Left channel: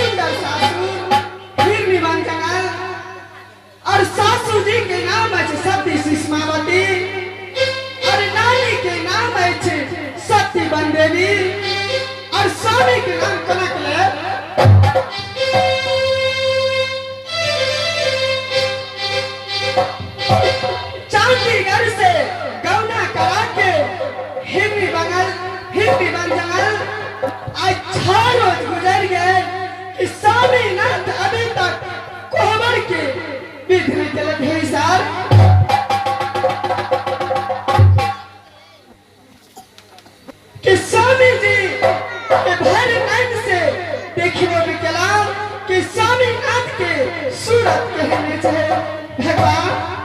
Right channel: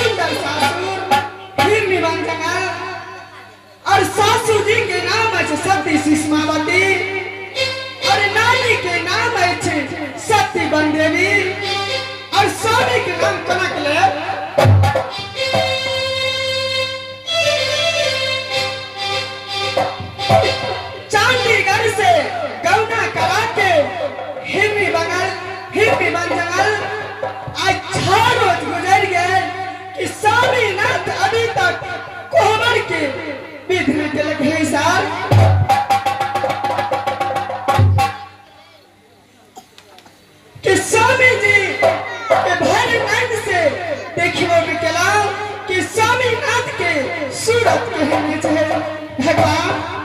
सुंदर सासुर फिर भी बन गया और सासू जी के नाम है सती सुषमावती और नानी के नाम है सती बंदेवी और स्वामी के नाम कनकले चांदीगढ़ से गौना करा के हिरनी बन जंगल आज 6 रोज गुजर गए कि स्वामीनाथ अभी तक कोहबर के विधि में तिलक है साहब कि स्वामी जी के भाई नाथ से देखिए भी क्या कि स्वामीनाथ के सूरत कहने चाहिए भगवान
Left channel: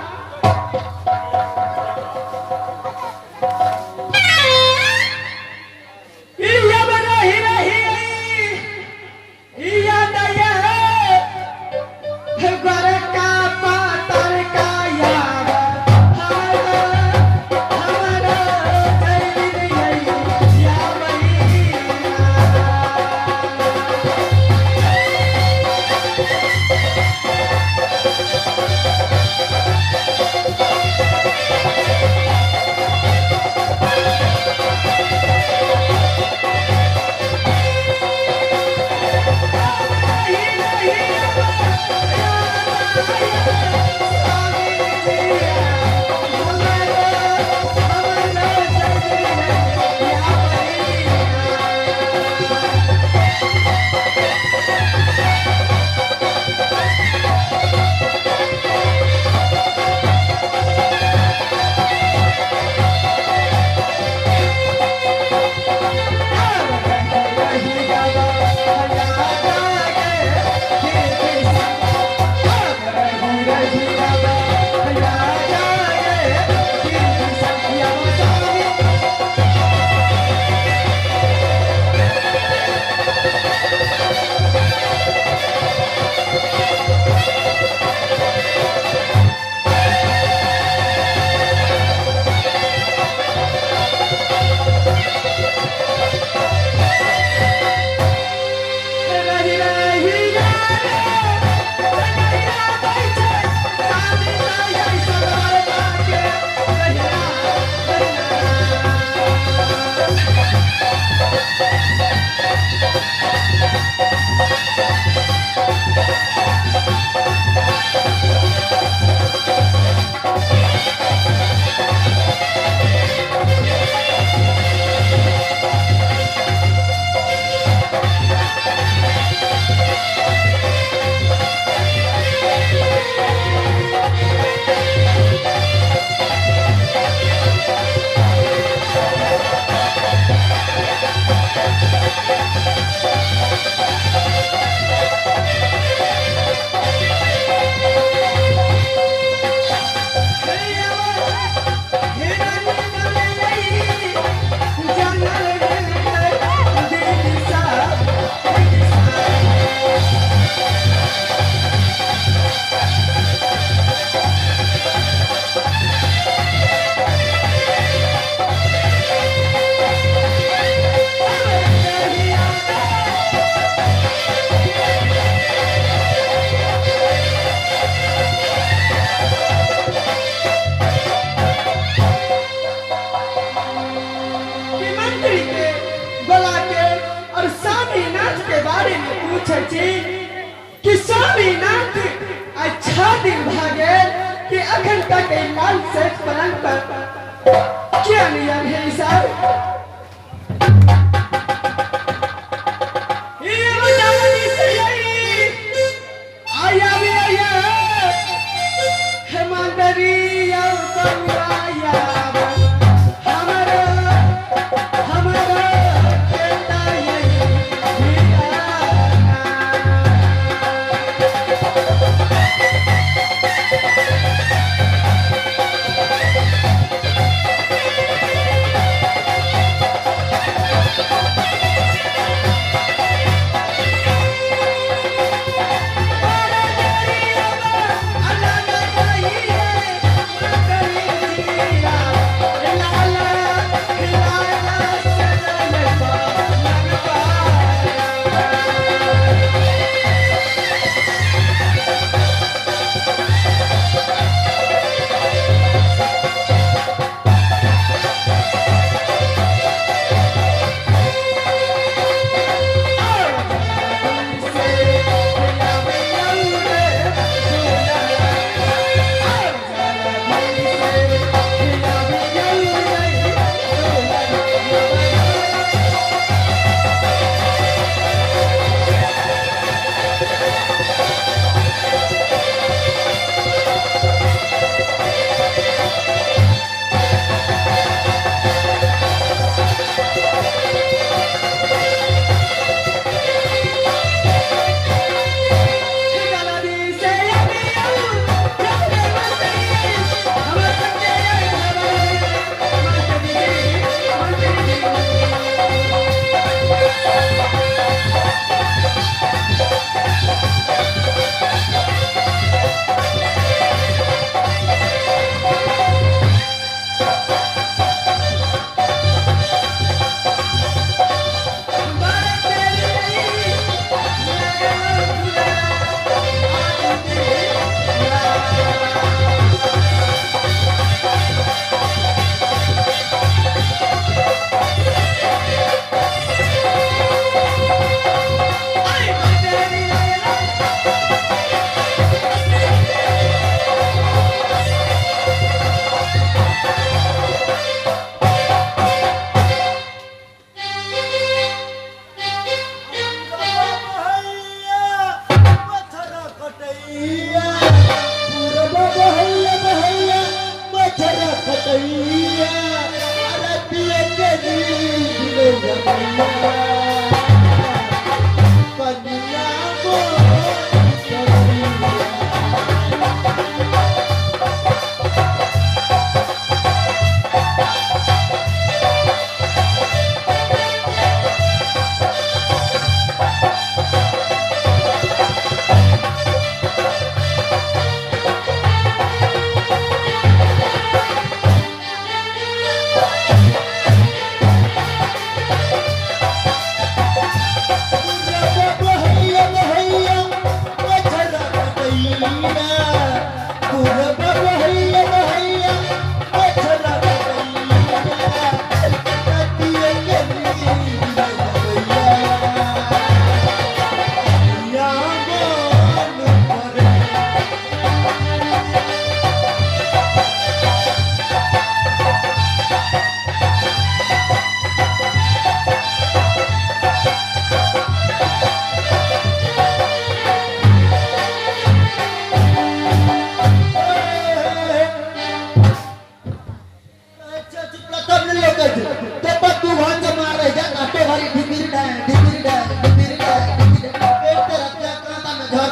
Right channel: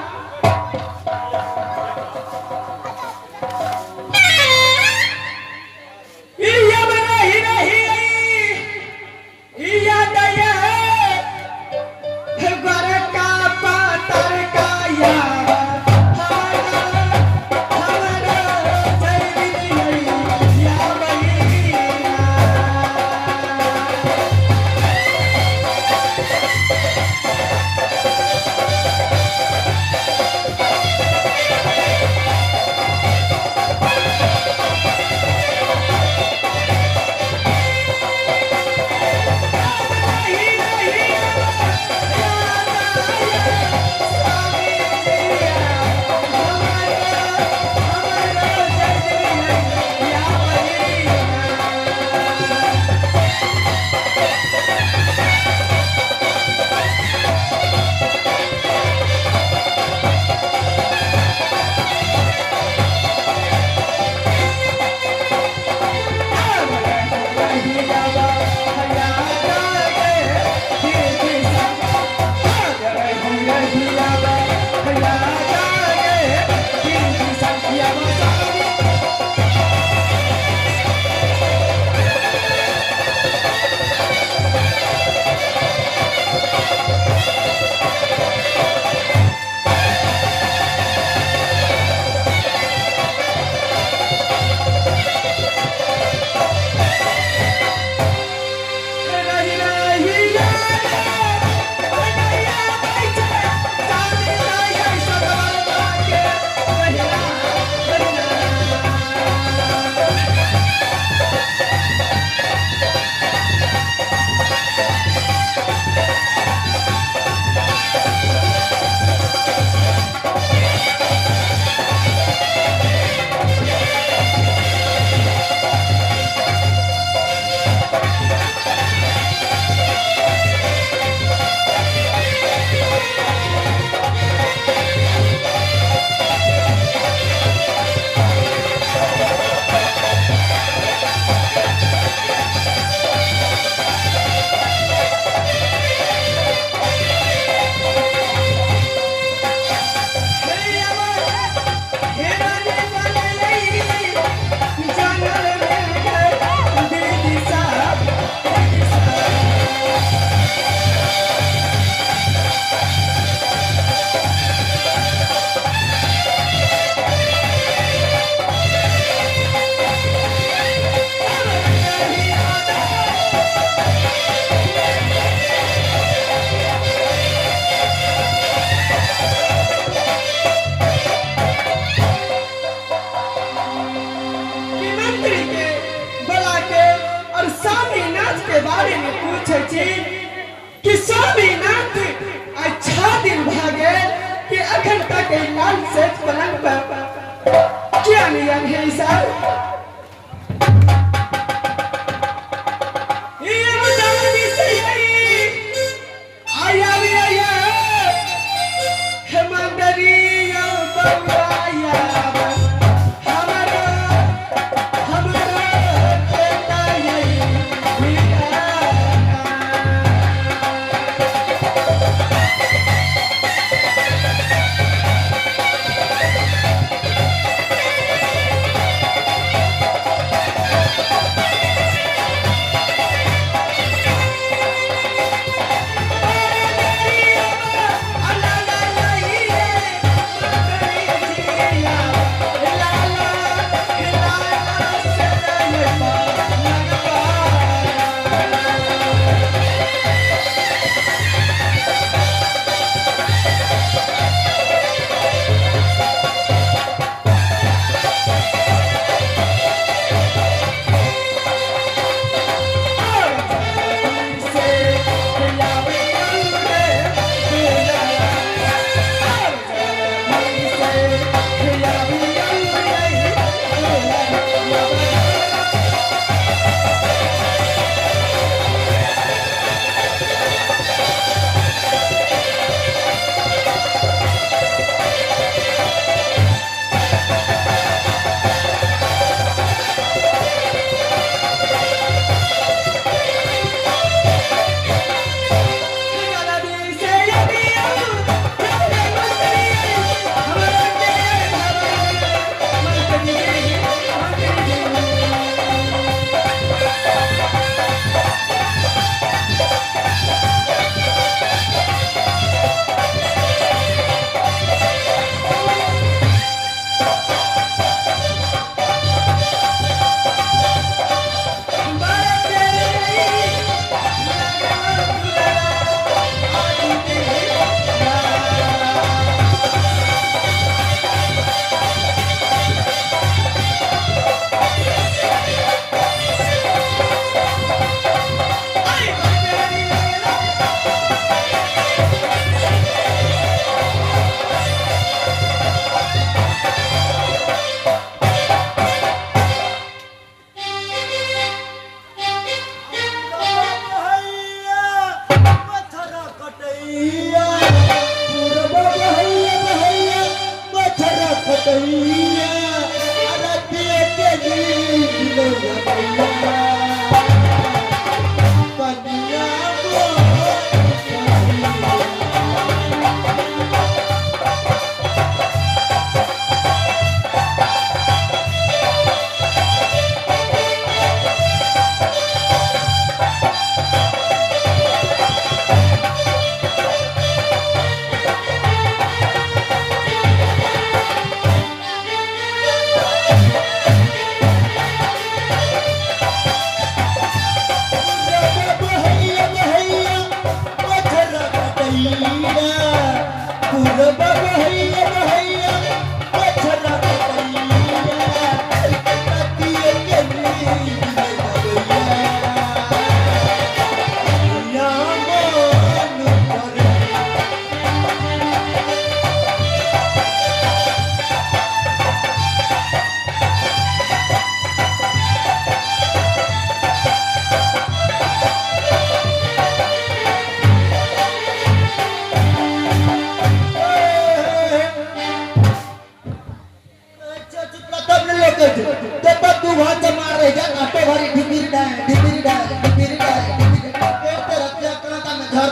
क्या नियम है साहब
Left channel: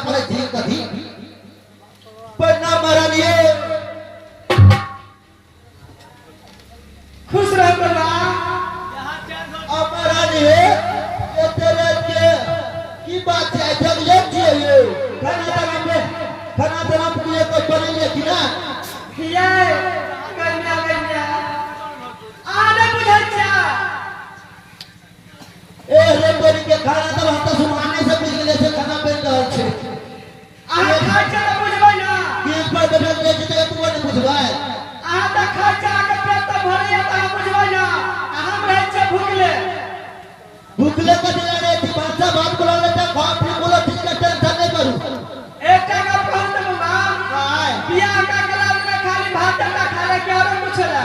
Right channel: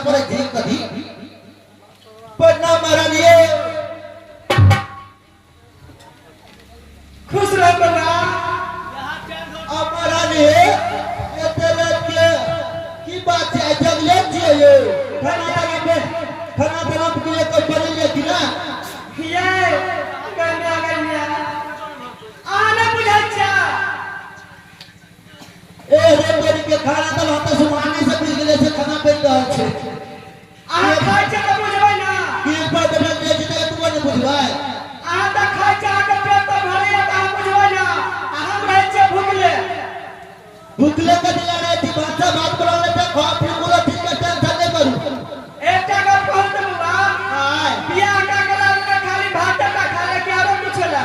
करे थी कभी पर ना मारा लिए खुश रहो बाबा हमारा लिए ये तेरे के की बात है जब ये चाहिए खाना तलब के लिए कोई बड़ी ले कि ना ये गन्ना गन्ना आना मुझे अच्छा ए रे बड़ी के खाना तलब हता सुनाने से मिल गए से खाना पे रहल छे आ खाई चला मुझे ना ये पर बैठल ले जे तू ने बुझाए आ त खाई चला के पेट त भरे त मुझे ना हम रहे छे भूखले का दिला रे थी भाषा बात करो ले त खा फिर बोला ठीक है चल करू एकटा गप कहत बाबा हाय बियाह का गला में खाली भात का खाए के और पूछला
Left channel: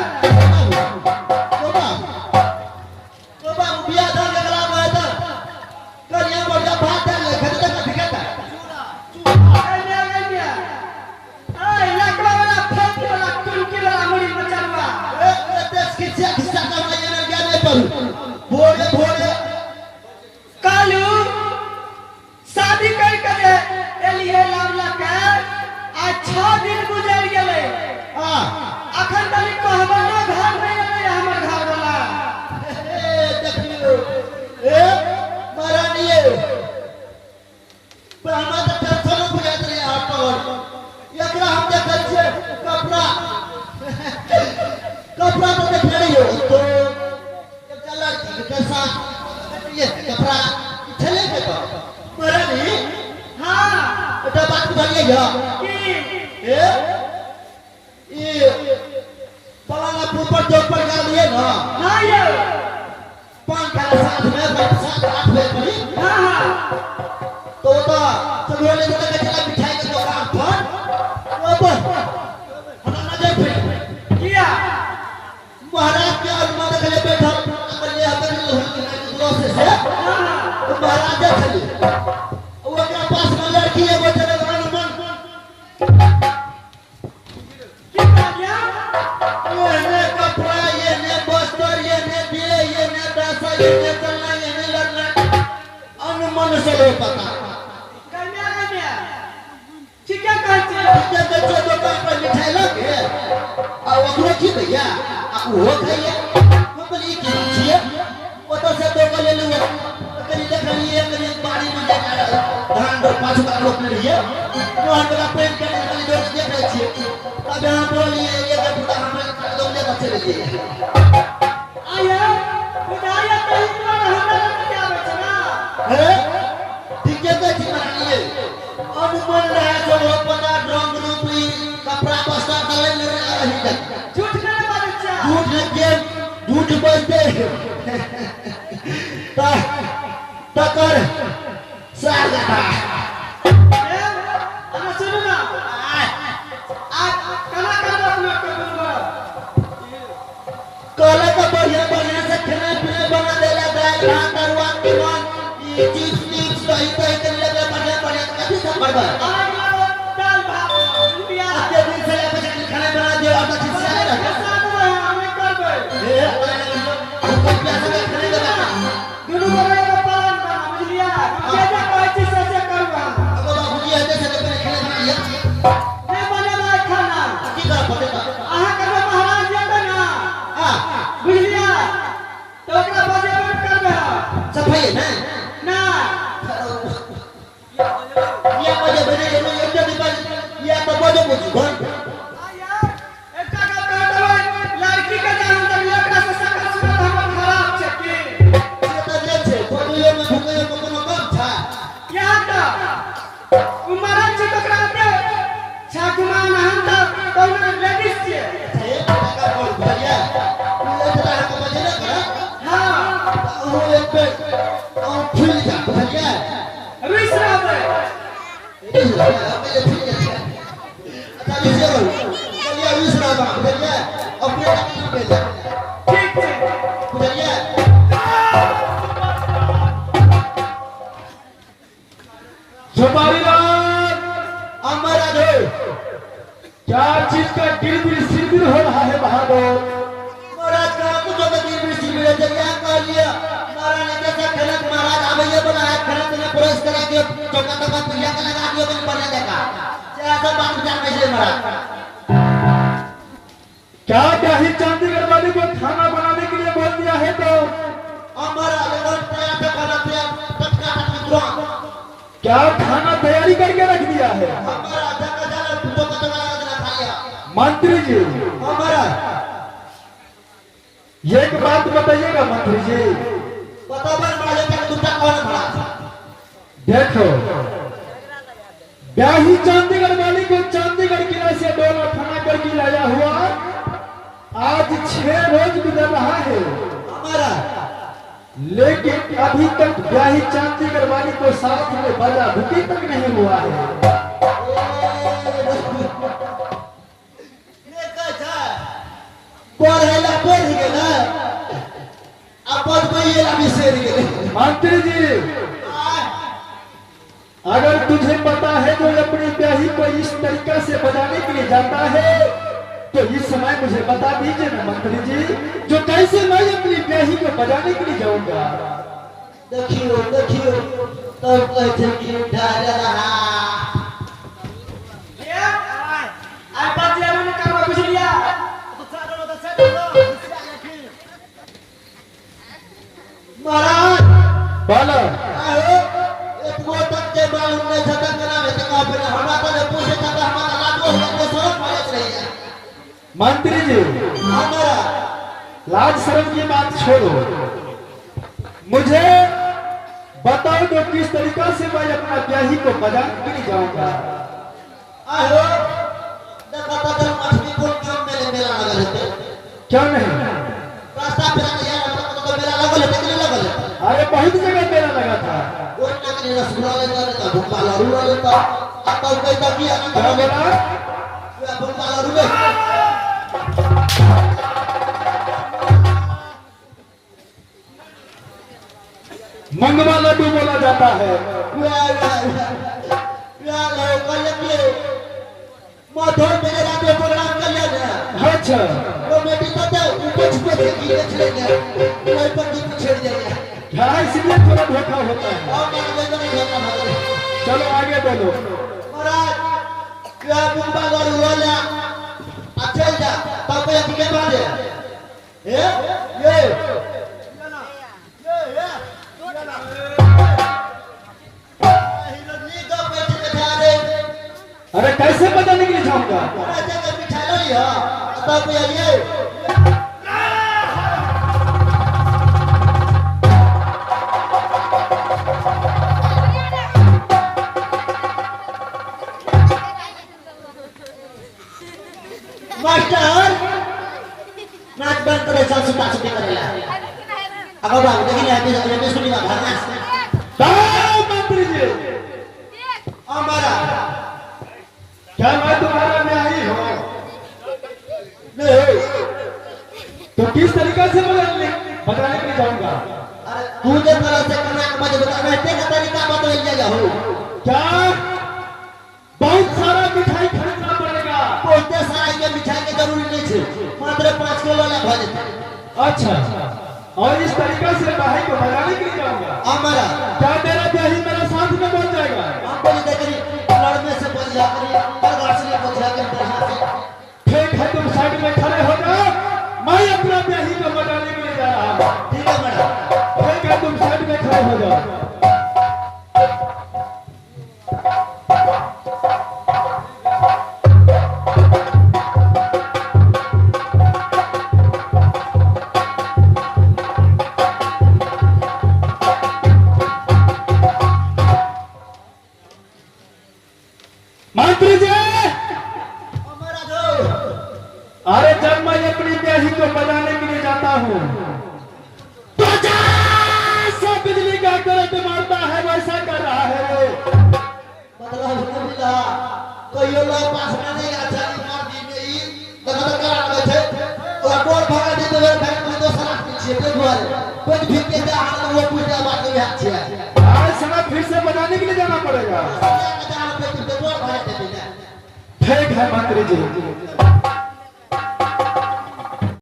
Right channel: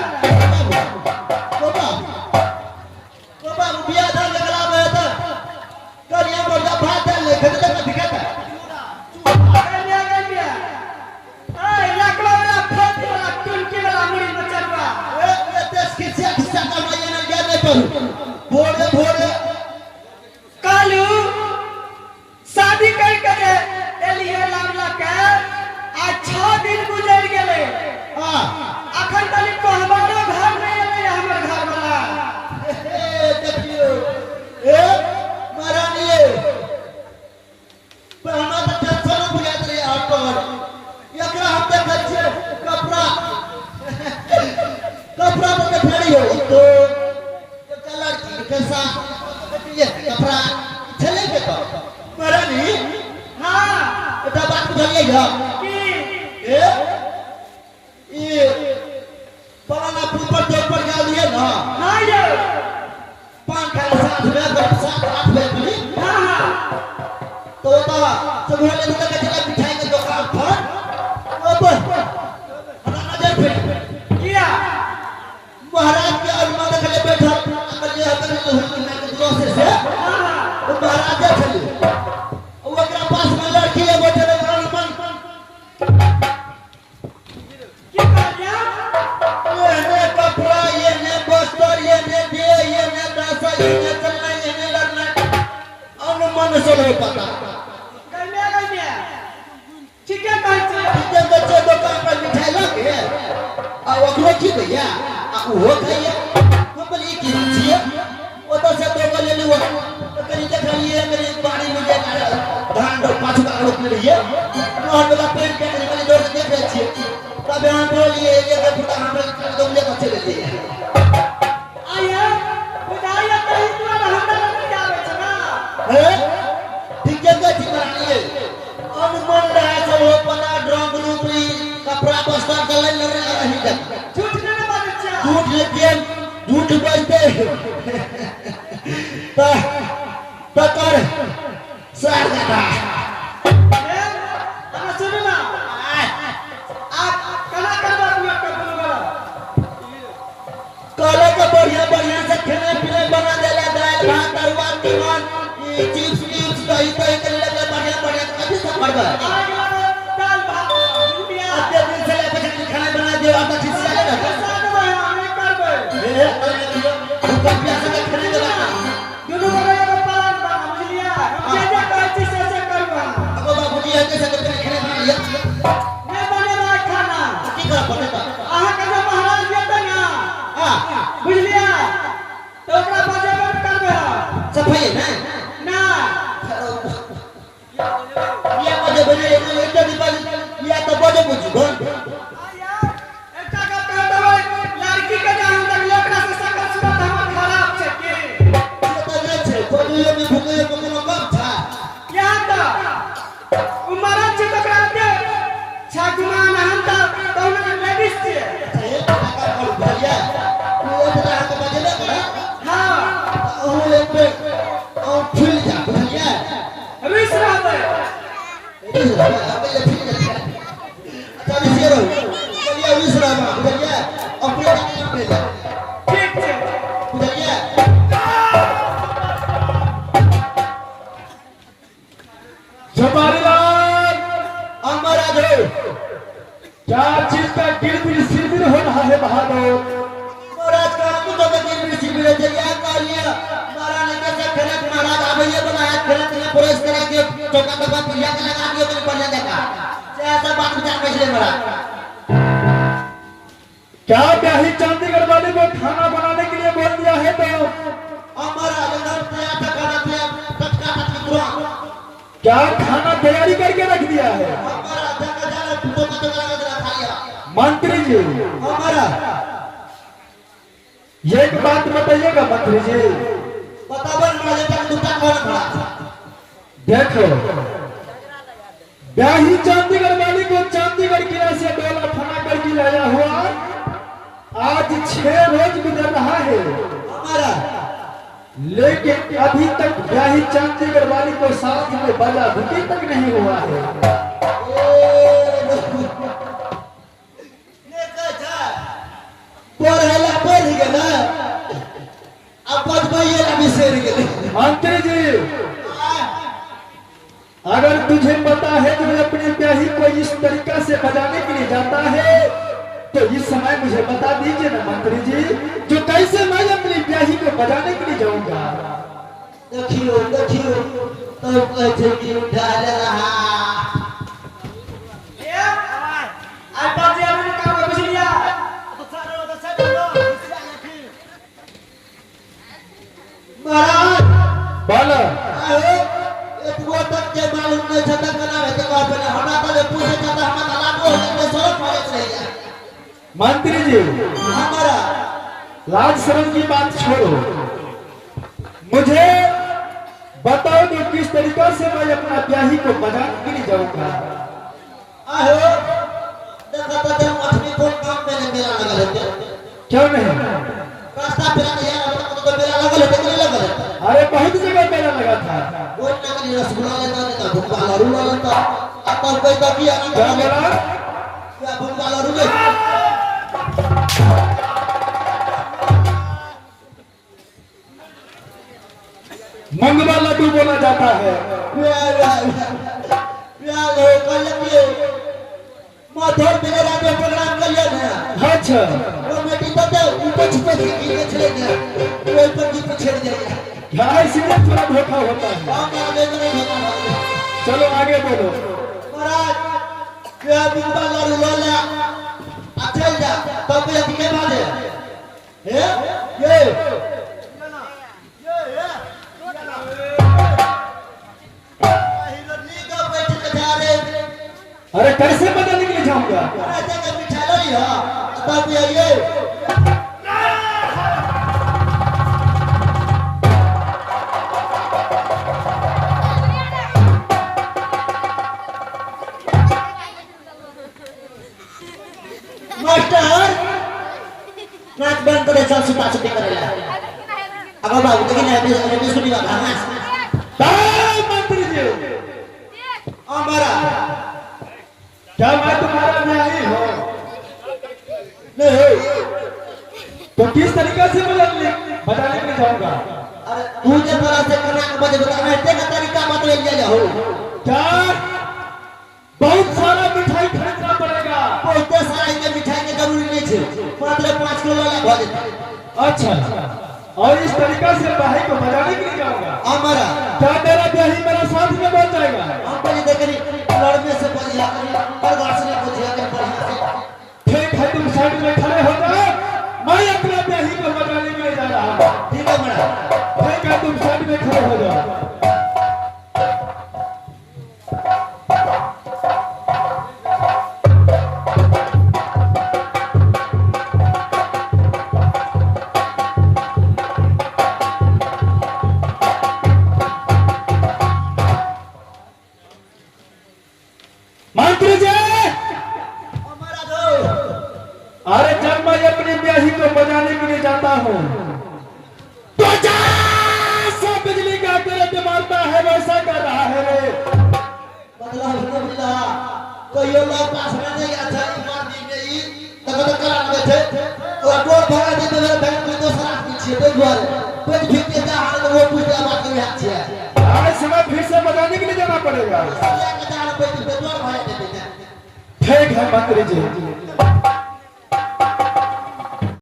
बाबा बिया दाल लगला में त करिया बड़ा भात ले खदे का दिखाता गन्ना गन्ना ए लकड़ा वाला फोट वाला टुनकी वाला मुड़ी बचलवा ए देश की शिक्षा का मैं ना ज्ञान करू भोरे कालू शादी कर के एलियो लावला के आ 6 दिन गुजर गेले हां अखन तक कहबनो घर नहीं आले हमर घर वाला ए देखियो ए मारानिए तो हमरा त टेंशन बुझाइत रे आप एकरा हम देखै छियै कपड़ा तो देखलियो तो चला के साथ ये कपड़ा चले के तो मारानी हां बेटा बात बुझलिए की ए ये पलाना ऊपर तो ऊपर गया ना हां ये 5 के साथ में 7-8 बजे पड़ी हां तो चलने लगा चला मिठाई के दुकान पर अब हमारा फिर किया महाराज के अलमा देखले बैठा अगर ये अगर दोस्त से तो महाराज देखले वो के पास में लड़की है बैठे अलमा की कहलिया ये ने कपड़ा ये ने वस्त्र ये ने दे ये ने पैसा ये ने चलना ये ने लड़ना अनुमान से ले पता गन्ना गन्ना ठीक है कहते जब बच्चे दुकान पर मिठाई लगे और ओकरे की भैया आ वो खाइए वो बोली की छिए वो तो से तो ले लो कहीं देख लिए मेरी बाड़ी में धान रो 5 का रोप लिए और वाला पेड़ के कहीं दो देख रहे छिए तब यहां बोलिए ये का पूरा हमरे दम ले चले लिए आया विदाई कहीं तो हमरा क्या बेचना है ठीक है का ठीक लिए अनुमान रहा तो वो पना ड्रम रूपी कपड़ा बस्ता गले ले रही है झूठ नहीं बोलचा झूठ लेके झूठ बोलते तकर सागा हम सुनो ना आप कला कला अपना कर दूंगा काले का बढ़िया बढ़िया से खाना पीना बना देला दाल भात तरुआ तीवन ये चिप्स दही के लगा बढ़िया बढ़िया काफी सब बना आज दाल भात रुपया आते दिन से लेकर खाना बना दिया आप अच्छे से लगा साथ में हमें कर दे ए रुपया से खाने लगा दोनों बड़े को पालन कर मिलिया ये जो कोई चीज से करवा अब बाबू जी आते से खाना खा लिया मैं बने वाला खाना की करा पड़ेगा आहा कदम महाराज ये ना हां बुझलिया तो ओकरा बजे बंद कर दे सफाई है ना ये बजे बजे एक दिन ये तो बजे में आया एकटा का कह देबै लड़की के जहां तक लकड़ा से सकल सूरत हमर खराब छै की ये तो जे छे कोडिले में भूखे कोनो काम था क्या तो उमर छी तो करते छाकुमान हम तो दोनों लेडीज छी ये का बोल भैया ये तरह के बजे ना पड़ा हां और एक पे और फूल जा भैया रिस रहे ये हमें ये फूल जा अच्छा विषय भैया विषय ना भैया अपने काम पे ले ठीक छै भैया छपारीलाल हमारा जो चार चीज का गिरगिर सिरगिर हो रहा है बहादुर महाराज का हम तो दिन में शिविर तैयार कर लिया महाराज ने जैसा खलक महाराज हमें ये बनाया खलक ने पुरस्कार दिया चौका का पूजा का लगा दिया कैसा बात विचार कैसे मरा क्या ब्याही चंडीगढ़ वाली को खाना बनाने के लिए बोल दिया है तो हमारा अगर तैयार करना थे कटका कटका क्या खाना तैयारी करके रख दिया है? हमारा जगह जगह फूटो कटका खाया मंत्री जी हमारा एक बात बताइएगा मंत्री जी, बतावन वाले तक दूसरा कौन बड़ा देखो ब्याही चंडीगढ़ वाली को चंडीगढ़ किले से डोला थाना करके लाया हुआ आज 6 रोज गुजर रहा है, हमारा लेकिन अभी तक ब्याही चंडीगढ़ वाली को साथ में बाजा भुकी तक नहीं हुआ है। ये कैसा पढ़ेला पढ़ गेला अब कोई ना बिसर गेले मंत्री जी अगर तुझे पता है जो अपनी ब्याही को इस तरीका से बजाने के लिए जाता है तो इस समय मुझे बता दीजिए ना मंत्री जी, जो कैसे मैं अपनी ब्याही को बजाने के लिए जाऊंगा। देखियो देखियो तो कैसे की ढाल रहा ये आता जी हमने काम कुछ लिया तो सारो महाराज बोलो एक वो तक के बाद उन्हें छटा करा है तो पहले हमारा तो पूछे जाता हमारा लागो है सब फरक नहीं है मंत्री जी हमारा लाज शर्म की बात छोड़ो, मुझे बताओ तो किस तरीका से मैं अपना ब्याही को बजाने के लिए जाऊंगा। आहो देखा तो जब मछली को काम में मेला लगा रहते क्यों नहीं? रास्ता पे यार तो मेला लगा रहते अरे बहुत जगह मेला लगा था। वो नकली रसगुल्ला लेता था भूखा लाडू लेता अब तो कोई तो किया क्या बोला? क्या भूखा लाडू ले मंगवा लड्डू बोला जाता है। लो कल के माथे मेरे राजा प्रोग्राम कर लिया ना अच्छा वो मटी तो दे ऊपर छुपा के गिर छेड़ दे कोई पर की छेड़ दे क्या इसलिए थोड़ा धोखा होता है। हम आगे नहीं होता चलो आगे बढ़ो। महाराज क्या बुंदा लाडू ले अच्छा जा तब ये के बाद ये अरे कैसे पता नहीं के जाऊंगा? मास्टर नाच बंद करे सब सुता सुती करे अब बाबू देखिए ना ये सुनी ना मंत्री जी हमारा क्या मैं तुम्हारा ब्याही हो? नहीं तो किस तरीका से मैं बताने के लिए जाऊंगा? मुझे पता से करना है मुझे बताना है तेरा तरीका मत ले जाओ क्या बहुत सारा मिठाई खरीदना पड़ेगा? कोई सारा के मिठाई की जरूरी नहीं है मात्र 5 किलो वाला भा देता अच्छा और इस तरीका से ब्याही को बजाने के लिए जाऊंगा? हमारा क्या तेरा ब्याही मेरे साथ में बन जाएगा? हमको ये देखरी लड़ने से बढ़िया करी पर गाछ ने बढ़िया के बढ़िया से ठीक है तुम साइड में खड़े हो जाओ, मैं अपना ब्याही को बजाने के लिए जा रहा हूँ। ठीक है मैडम ठीक है तुम साइड में खड़े हो जाओ। मंत्री जी हमारा दो अरे जब मैं अपनी ब्याही को बजाने के लिए जाता हूँ तो जैसे बिजली का करंट मारता है वैसा कर रहा है रे। मतलब मिला कोई लोग पास में नहीं आता मार दी नहीं मतलब करा गए थे तो डोर भगा दे तो बैंक में तो सारा पीछे तो द्वार पेट भीग के हाल वो पूजा बात में हाथ है अरे सुबह फिर से बजाने के लिए जाना पड़ेगा। ठीक है मंत्री जी